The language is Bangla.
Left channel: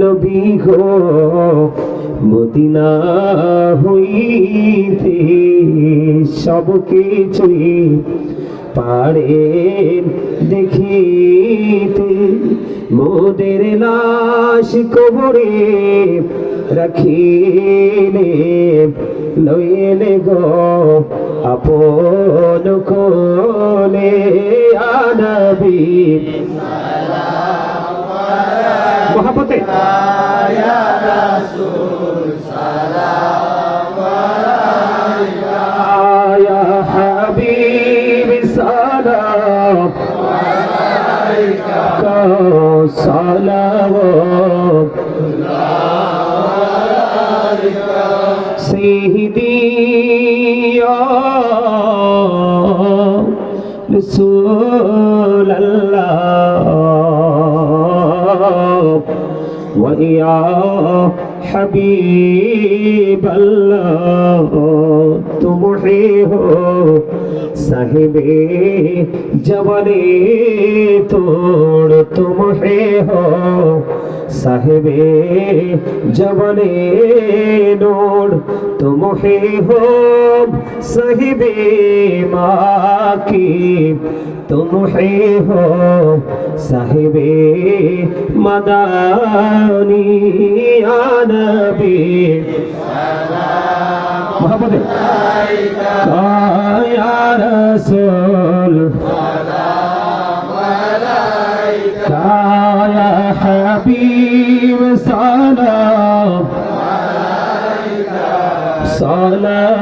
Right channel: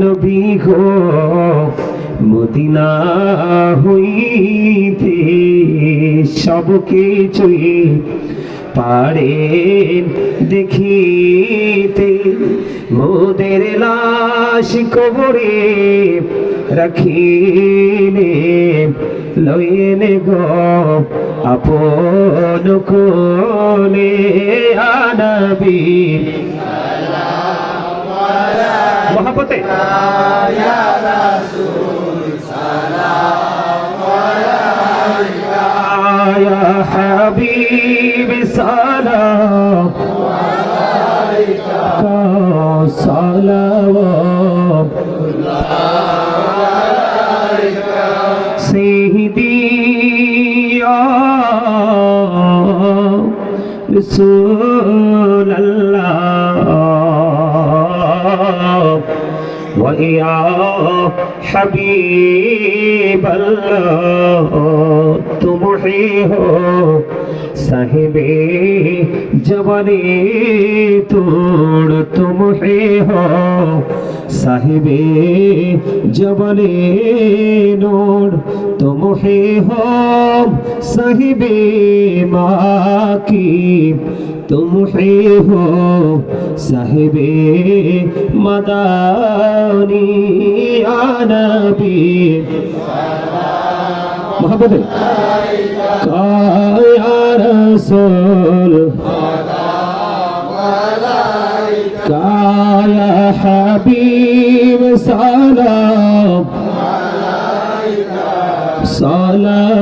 নবী গো মদিনা হইতে সব কিছুই পারে দেখিতে, মোদের লাশ কবরে রাখিলে লইলে গো আপন কোলে। ইয়া নবী মোহাম্মতে ইয়া রাসূল সালাম আলাইকা, ইয়া হাবিব সালাম আলাইকা, সালাওয়াত আলাইকা সাইয়্যিদি ইয়া রাসূলাল্লাহ ويا حبيب الله तुम ही हो साहिबे जवानी तोड़, तुम ही हो साहिबे जवानी नूर, तुम ही हो साहिबे माकी, तुम ही हो साहिबे मदानी। या नबी मोहब्बत या रसूल या हबीब सलाम सलाम